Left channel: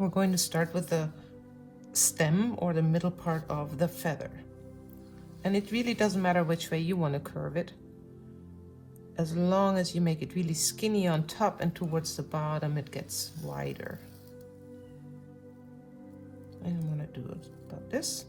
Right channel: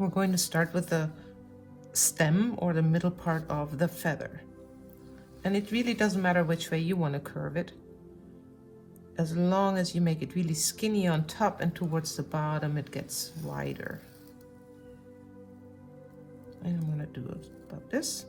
we're going to start with the stem or the middle part of the feather. And it really doesn't matter which way you want to curve it, as long as you make it really skinny on top and towards the bottom it gets wider. And I'm going to do it about this.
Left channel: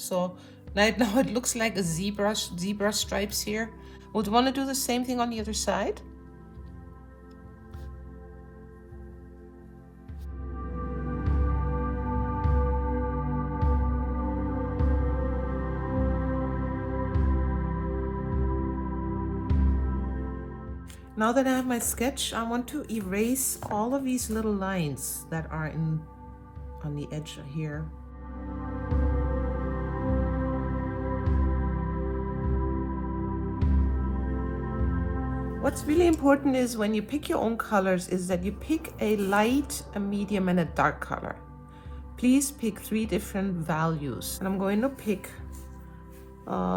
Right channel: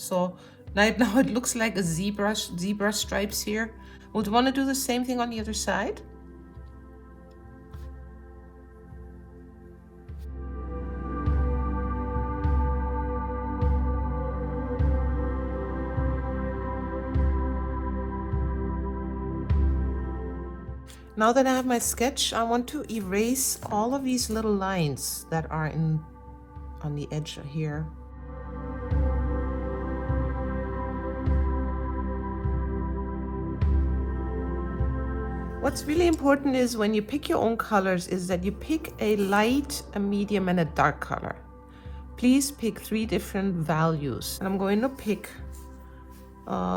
So right now it looks like a zebra stripes here. Would you want to do the same thing on the other side? Now that I have my sketch, I want to erase all of these little lines that are on the edge here. What's really important is when you pick your own colors is that you pick a light, a medium, and a dark color. Please pick 3 different values. I'm going to pick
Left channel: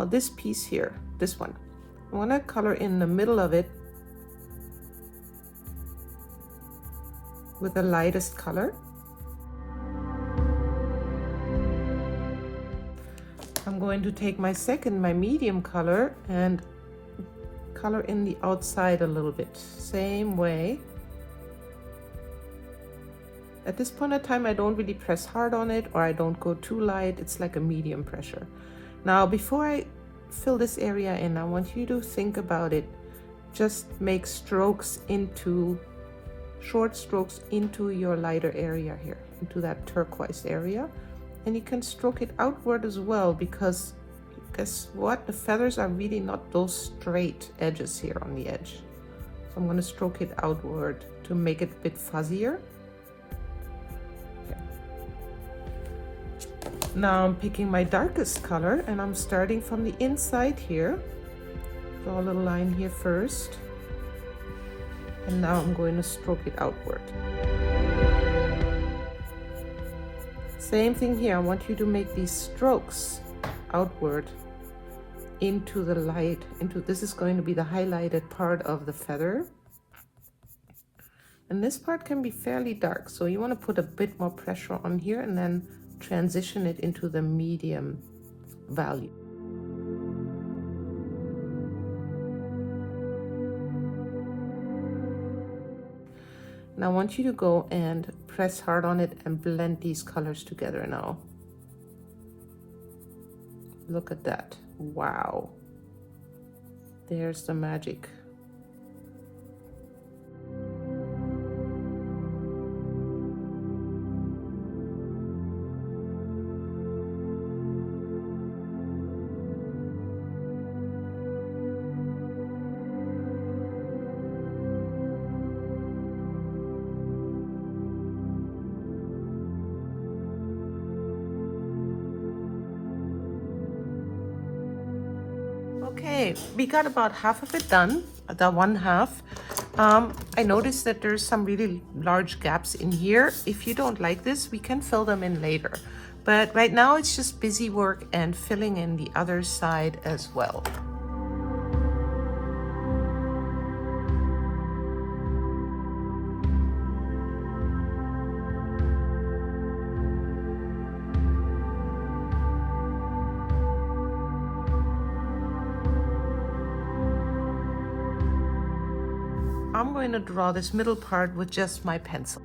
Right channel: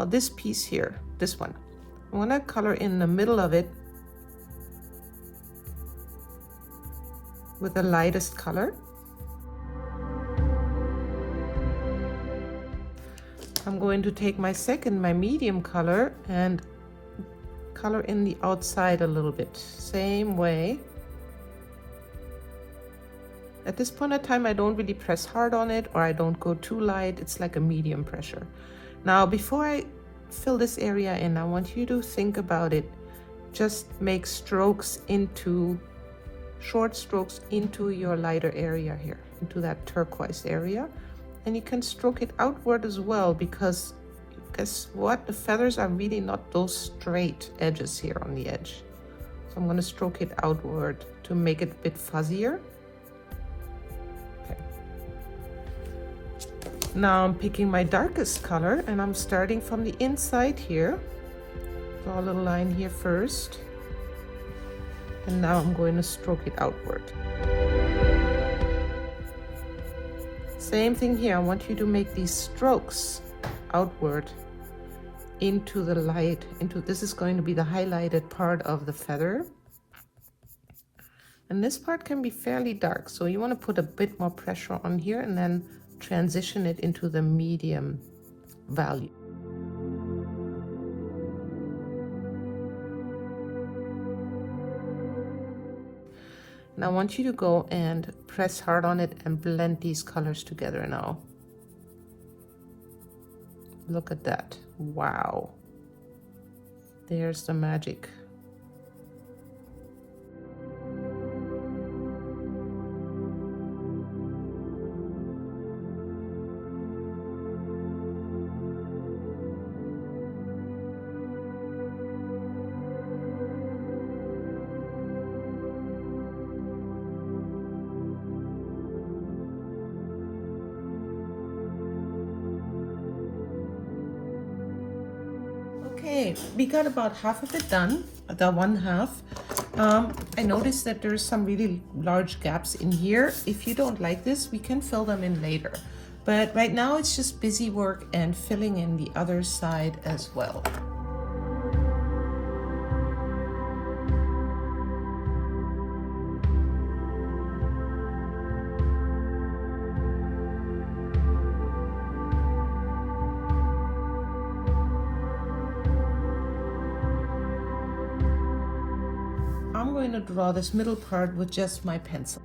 this piece here, this one. I'm going to color in the middle of it with the lightest color. I'm going to take my medium color and color in the outside a little bit, same way. At this point in time, I don't really press hard on it, or I don't go too light. It's like a medium pressure. Now, before I fill this area in, I want you to think about it. Just make strokes short strokes into your lighter area here, into that turquoise area. And you can stroke it outward as well, because guess what? The feathers are really not those straight edges here on the edge. So I'm going to stroke it outward to make it a bit fuzzier. Now I'm picking my darkest color and I'm starting from the inside here. Draw a little line here first. And now I'm going to stroke it outward. Same thing here. I want you to make these strokes outward into the light, this is going to be the highlighted part of the feather. And this part can be fairly dark, so you want to put a bit more pressure on here and then transition it into the medium value. Now I want you to go and press hard on it and blend these colors together now. Look at that. Wow. There's the magic. Okay, we got about half of it done, the one half. I noticed that there's some really large gaps in here. If you don't like this, we can fill them in later. But right now it's just busy work and filling in the other side as well. I'm going to draw this middle part with just my pencil.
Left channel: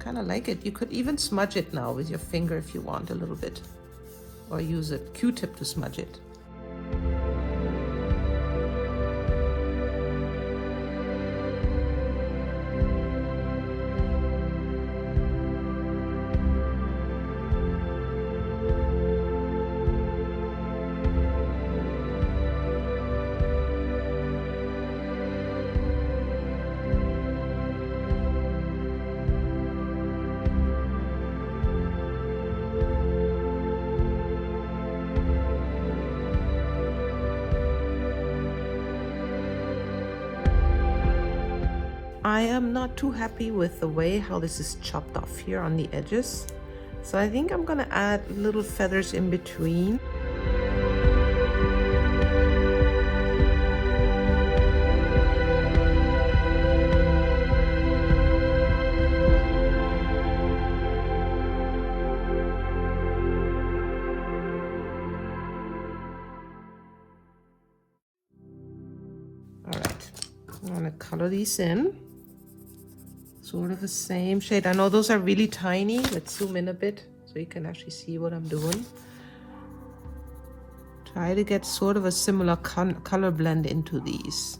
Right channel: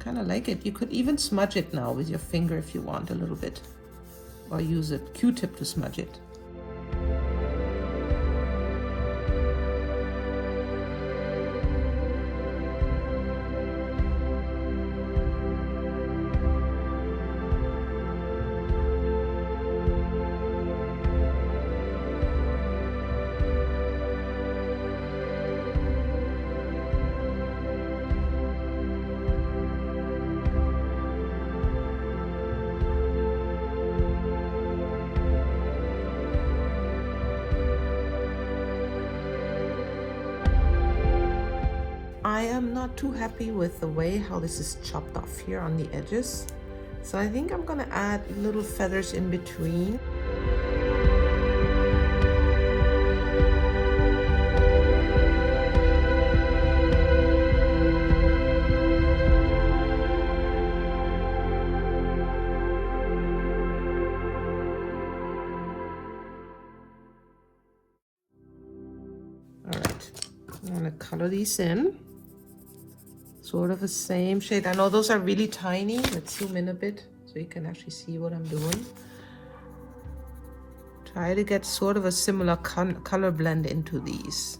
Kind of like it. You could even smudge it now with your finger if you want a little bit, or use a Q-tip to smudge it. am not too happy with the way how this is chopped off here on the edges. So I think I'm gonna add little feathers in between. All right, I'm gonna color these in. Sort of the same shade. I know those are really tiny. Let's zoom in a bit so you can actually see what I'm doing. Try to get sort of a similar color blend into these.